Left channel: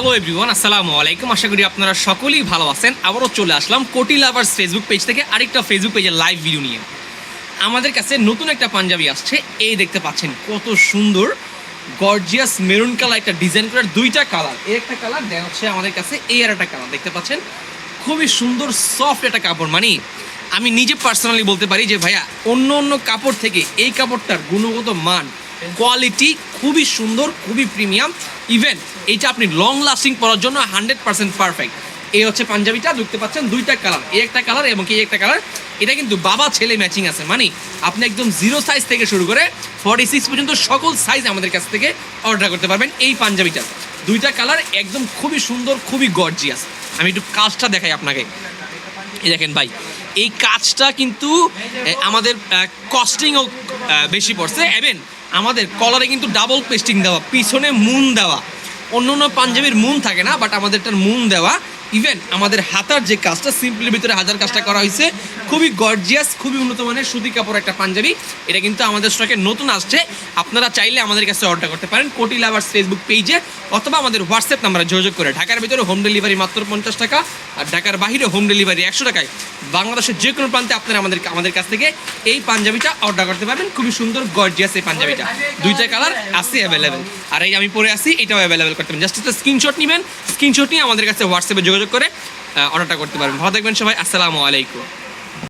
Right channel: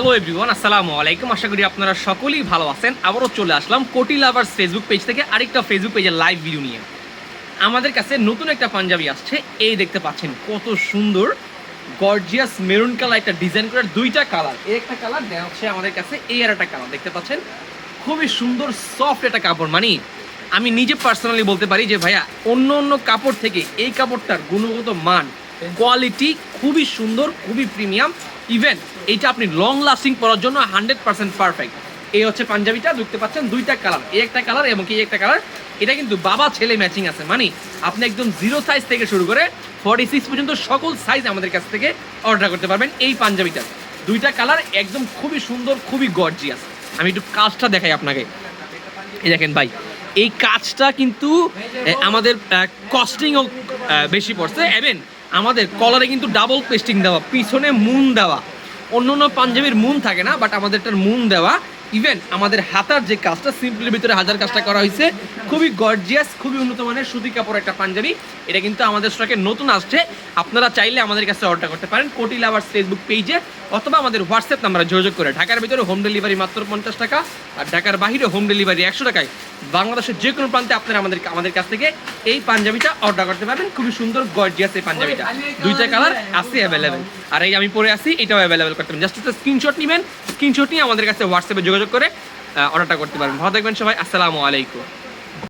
Hello everyone, আসসালামু আলাইকুম। আশা করি আপনারা সকলেই ভালো আছেন। আবারও চলে আসলাম কোটি লাভার্স ফেসবুক পেজ থেকে আরেকটা ফেসবুক পেজের লাইভ ভিডিও নিয়ে। আমাদের কাছে নতুন একটা পাঞ্জাবি আসছে। এই দেখতে পাচ্ছেন কত সুন্দর গর্জিয়াস মেরুন কালার একটা ডিজাইন করার দুইটা কালার। এই একটা কালার দেওয়া হচ্ছে আমাদের কাছে, এই আর একটা কালার দেখতে পাচ্ছেন। খুবই সুন্দর সফট একটা কাপড়, মানে আমি নিজে পার্সোনালি বলতে পারি যে ভাইয়া অন্য কাপড় থেকে এই কাপড়টার গুণগত মান কোয়ালিটি খুবই সুন্দর, খুবই প্রিমিয়াম। ইভেন এইটা আপনি লং লাস্টিং পরার জন্য 100% পারফেক্ট। এই হচ্ছে পাঞ্জাবিটা, দেখতে পাচ্ছেন দুইটা কালার, এই একটা কালার এবং এই একটা কালার। এটা কিন্তু বাবা ছেলে ম্যাচিং আছে, মানে আপনি একদম 0 সাইজ থেকে শুরু করে 46 পর্যন্ত সকল সাইজ আমাদের কাছ থেকে অর্ডার করতে পারবেন। এই পাঞ্জাবিটা দুইটা কালার একদম খুবই সুন্দর, খুবই গর্জিয়াস। আমি একটু কাজটা দেখাই আপনাকে। এই দেখেন ভাই, এই কাজটা কিন্তু আমাদের কস্টিংও বেশি পড়ছে। এবং আমাদের কলারে কিন্তু ডাবল পেস্টিং দেওয়া, পিছনে মুন দেওয়া। অন্য পাঞ্জাবির মুন থাকে না, বাট আমাদেরটার মুন দেওয়া। ইভেন আমাদের হাতার যে কাজটা সিম্পলের ভিতরে হাজার কাজটা করা হয়েছে, খুবই গর্জিয়াস, খুবই উন্নত মানের সুতি কাপড় একটা পাঞ্জাবি। এটা কিন্তু আমাদের স্টকে নতুন আসছে। আপনারা চাইলে আমাদের কাছে অর্ডার করতে পারেন কোটি লাভার্স ফেসবুক পেজে, অথবা আমাদের হোয়াটসঅ্যাপ নাম্বারে যোগাযোগ করে। ঢাকার ভিতরে হোম ডেলিভারি মাত্র 50 টাকা, আর ঢাকার বাইরে হোম ডেলিভারি 100 টাকায়। বাংলাদেশের যে কোনো প্রান্তে আপনারা আমাদের কাছ থেকে এই পাঞ্জাবিটা অর্ডার করতে পারবেন। খুবই সুন্দর গর্জিয়াস এই পাঞ্জাবিটা, দুইটা কালার আছে অ্যাভেলেবেল। আর এই আমি পরে আসি, এটাও অ্যাভেলেবেল করতে পারেন। জাস্ট একটা স্ক্রিনশট নেবেন, স্ক্রিনশট নিয়ে আমাদের কাছে হোয়াটসঅ্যাপে যোগাযোগ করে অর্ডারটা করতে পারবেন। ভালো থাকবেন সবাই, আসসালামু আলাইকুম।